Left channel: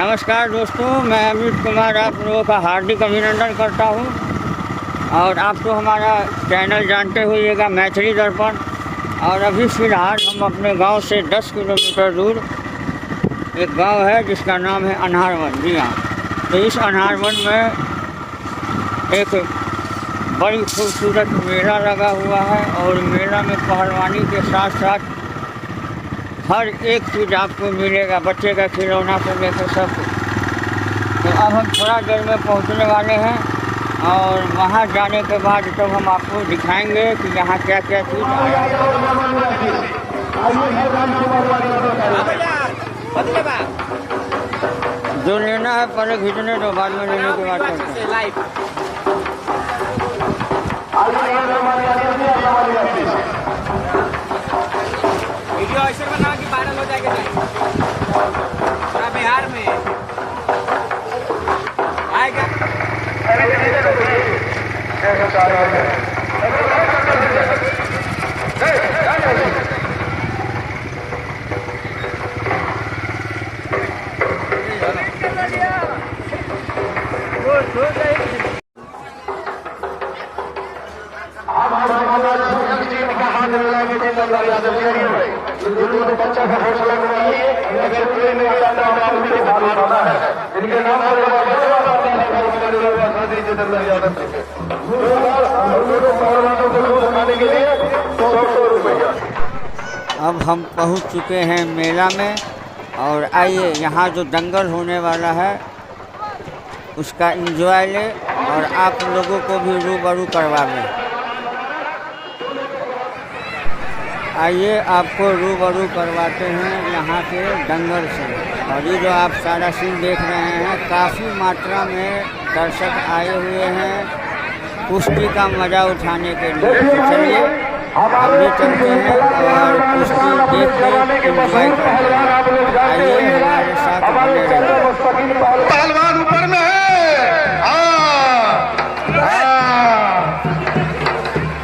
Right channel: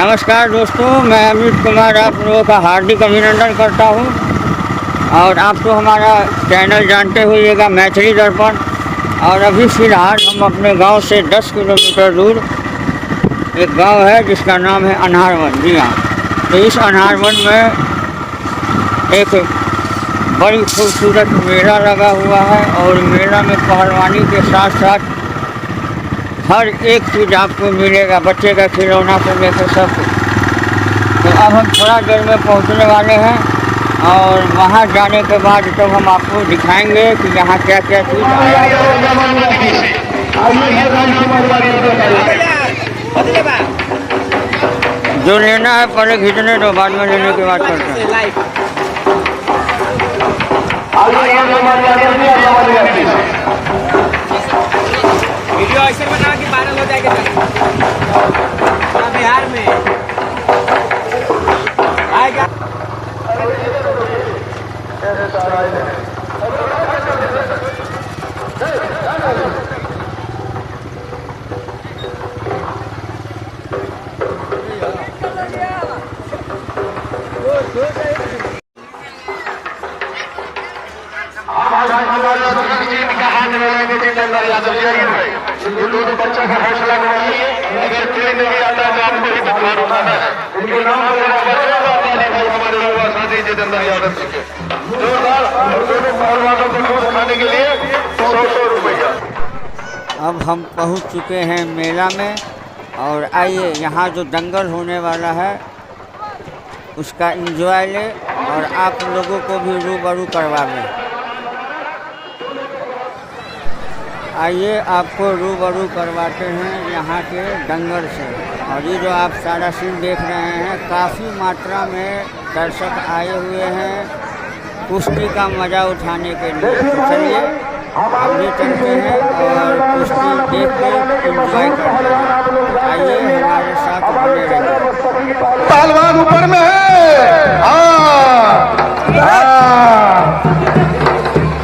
नमस्कार दोस्तों, मैं अमित कुमार आप लोगों का हार्दिक अभिनंदन करता हूं। और आप तो हमारा चैनल जानते होइएगा मैथिली दर्पण। और अभी फ़िलहाल हम अपने गांव से 10 किलोमीटर दूर एक गांव है जिसका नाम है अनहारवन। जी हाँ, तो इस अनहारवन में एक बड़ी खूबसूरत मेला लगा हुआ है और मेला में पहलवानी के साथ साथ हर एक चीज़ आपको मिलेगा, बच्चे का खिलौना से लेकर सब कुछ। तो अब हम थोड़ा देर में पहुंचने वाले हैं और वहां जाने के बाद तो हम आपको दिखाएंगे कि यहाँ क्या क्या चीज़ आया है। जो लेना है पहले खींचने दो, बाद में लेने के बाद करते हैं। वीडियो ऐसे बना कि वायरल हो जाएगा बिहार में आएगा। अब हम पहुंच चुके हैं मेला में और आइए यहाँ जो दंगल होने वाला है उसका एंजॉय लें और आप लोगों को भी रूबरू करवा लें। आइए आपको रूबरू करवाते हैं यहाँ के दंगल से। और ये जो आप सारा सीन देख रहे हैं, काफ़ी मात्रा में दर्शक आए हुए हैं कुश्ती का मज़ा उठाने के लिए। तो चलिए हम भी चलते हैं और कुश्ती देख के एंजॉय करते हैं। आइए हमारे साथ बने रहिए। पहलवान ऊपर में है,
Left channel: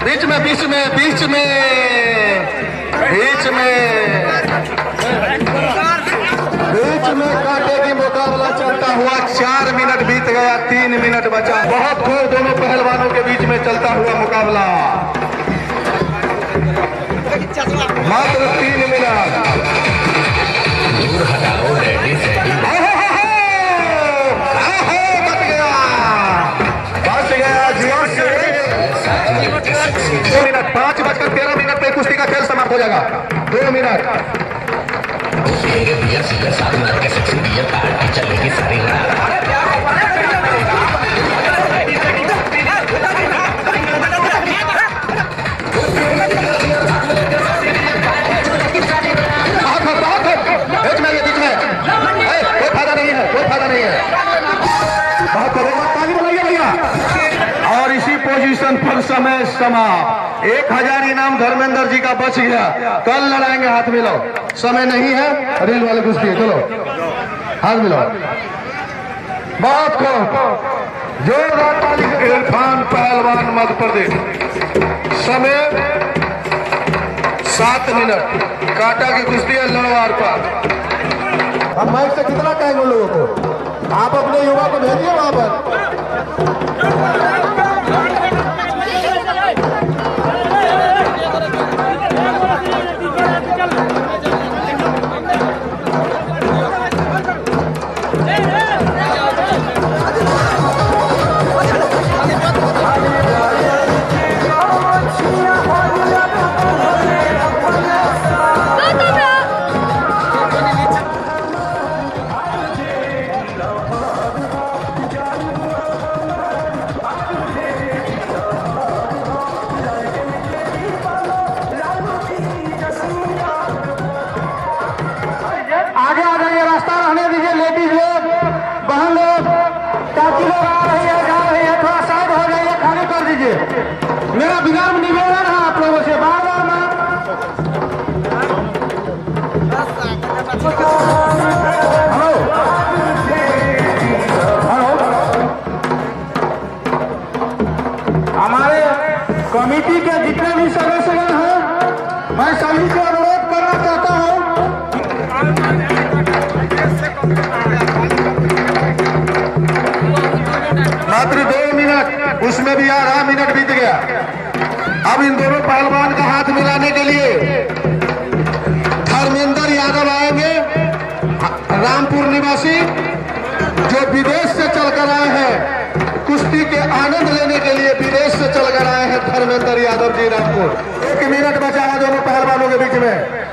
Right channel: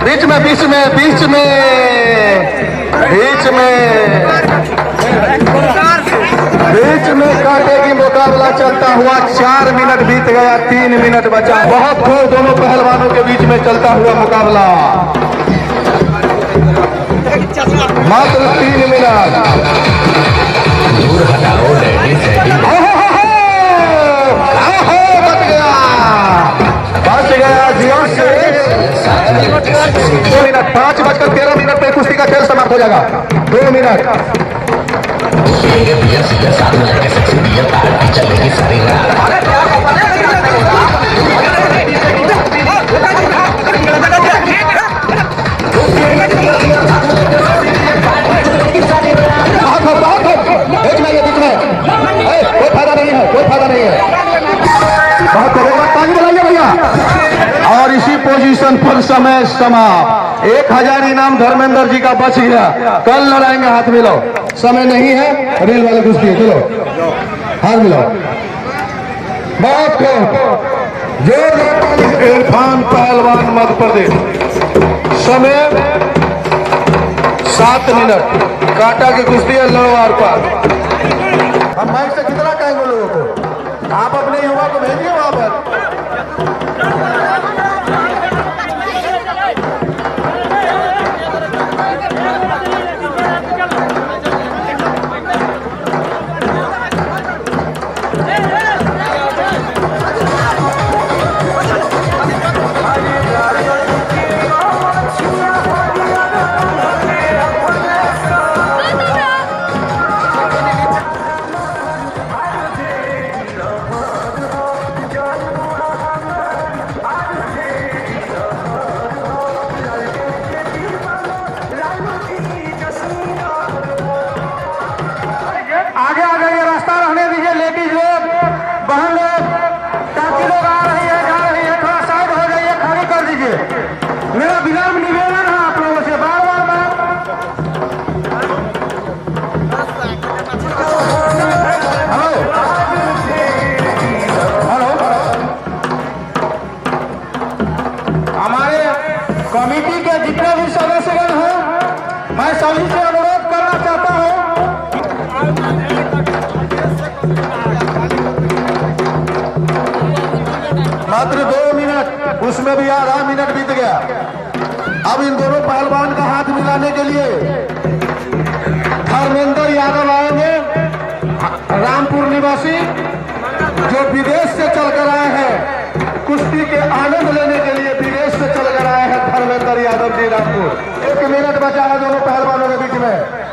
बीच में बीच में बीच में बीच में बीच में कांटे की मुकाबला चलता हुआ 4 मिनट बीत गया, 3 मिनट बचा। बहुत खूब दोनों पहलवानों के बीच में चलता हुआ मुकाबला, मात्र 3 मिनट। दूर हटाओ, बच गया जियो से 2 मिनट। 5:13 पे कुश्ती का खेल समाप्त हो जाएगा। 2 मिनट चलेगी सारी रात। कोई फायदा नहीं है, कोई फायदा नहीं है। बहुत ताली बजाइए भैया। और इसी पोजीशन पर समय समाप्त। 1000 इनाम धर्मेंद्र जी का बच गया। कल लड़ाएंगे, हाथ मिलाओ। समय नहीं है, रेल वाले कुश्ती है, चलो हाथ मिलाओ। बहुत जोरदार। इरफान पहलवान मध्य प्रदेश। समय 7 मिनट। कांटा की कुश्ती है, लड़ो आर पार। हम माइक से कितना कहेंगे लोगों को? आप अपने युवा को भेजिए वहां पर। मेरा विनम्र निवेदन है आप लोगों से, बार बार हेलो हमारे कमेटी के जितने भी सदस्यगण हैं, मैं सभी से अनुरोध करना चाहता हूं उसमें भी आधा मिनट बीत गया। अब इन दोनों पहलवान का हाथ मिलाने के लिए धर्मेंद्र यादव आएंगे, रामपुर निवासी, जो विदेश से चलकर आए हैं, कुश्ती के आनंद लेने के लिए विदेश से चलकर आए हैं धर्मेंद्र यादव जी रामपुर। 1 मिनट बचा है दोनों पहलवानों के बीच में।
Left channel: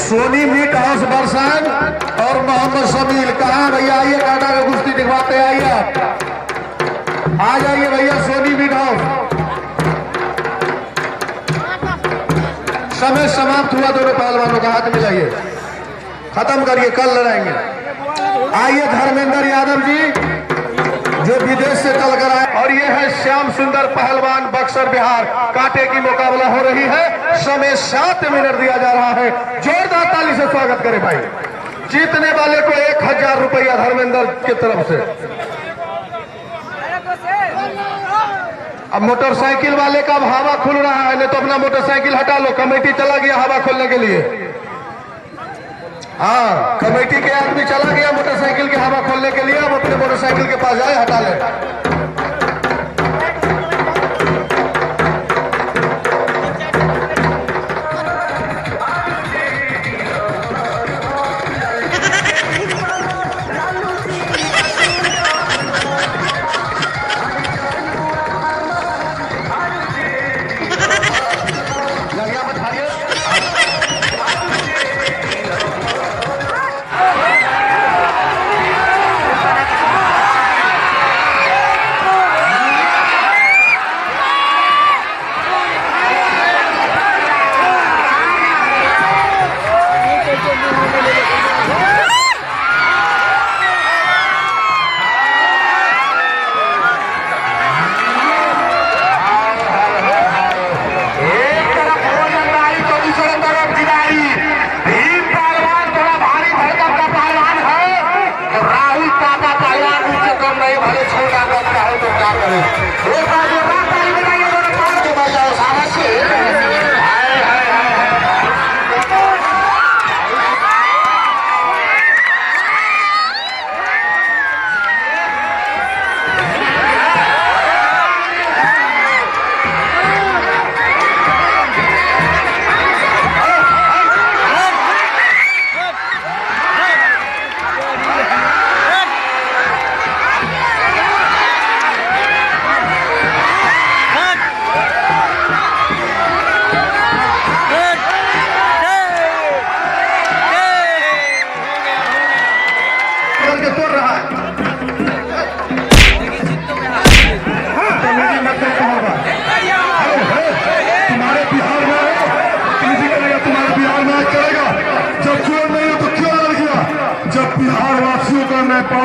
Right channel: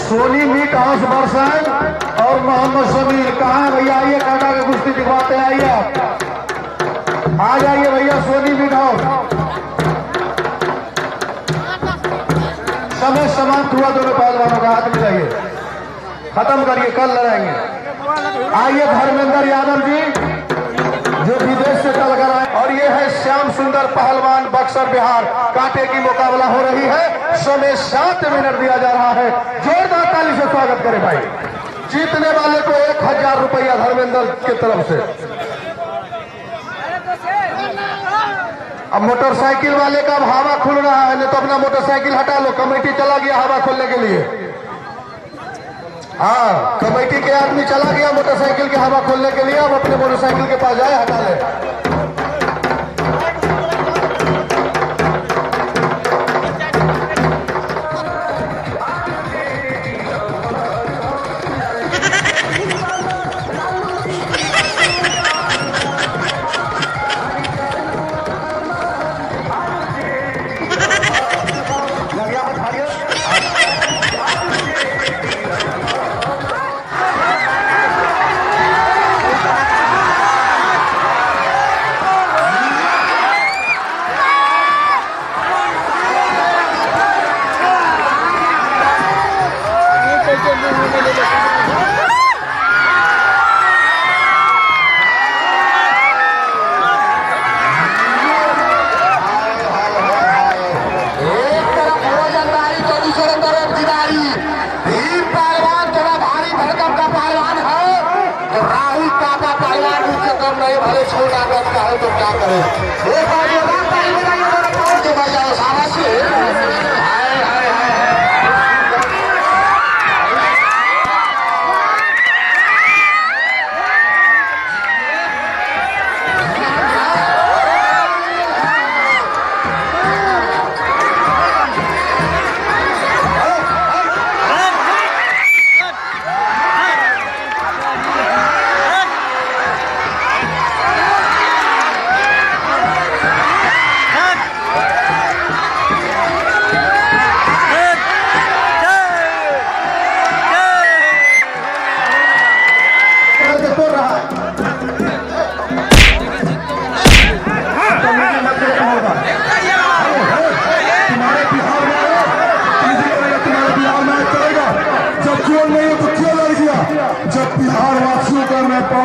सोनी मीट हाउस बरसाइन और मोहम्मद शमीर कहाँ भैया? आइए काटा का कुश्ती दिखवाते हैं। आइए, आ जाइए भैया सोनी मीट हाउस। समय समाप्त हुआ, दोनों पहलवानों का हाथ मिलाइए, खत्म करिए, कल लड़ाएंगे। आइए धर्मेंद्र यादव जी जो विदेश से चल कर आए, और ये है श्याम सुंदर पहलवान बक्सर बिहार। कांटे की मुकाबला हो रही है, समय 7 मिनट दिया जा रहा है। जोरदार ताली से स्वागत करें भाई। जीतने वाले को 1000 रुपया धर्मेंद्र की तरफ से। अब मोटरसाइकिल वाले का अब हवा खुल रहा है, नहीं तो अपना मोटरसाइकिल हटा लो, कमेटी चला गया हवा खोलने के लिए। हाँ, कमेटी के आदमी चला गया मोटरसाइकिल के हवा खोलने के लिए। अब अपने मोटरसाइकिल के पास जाए, हटा ले।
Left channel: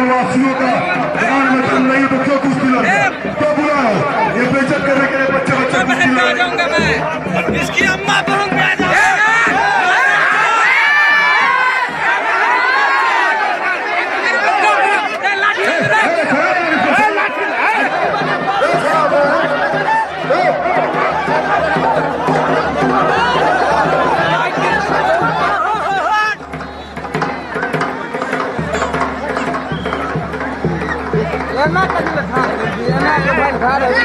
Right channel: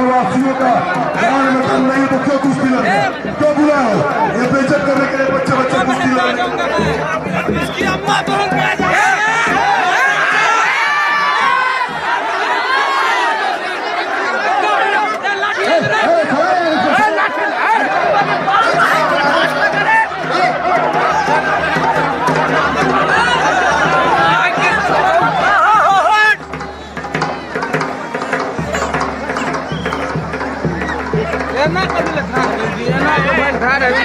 वासियों का ध्यान में तुम नहीं तो क्यों कुश्ती लड़ो? क्यों बुरा है? ये बेइज्जत करने के लिए बच्चे कुश्ती लड़ो। इसकी अम्मा बहू खा रही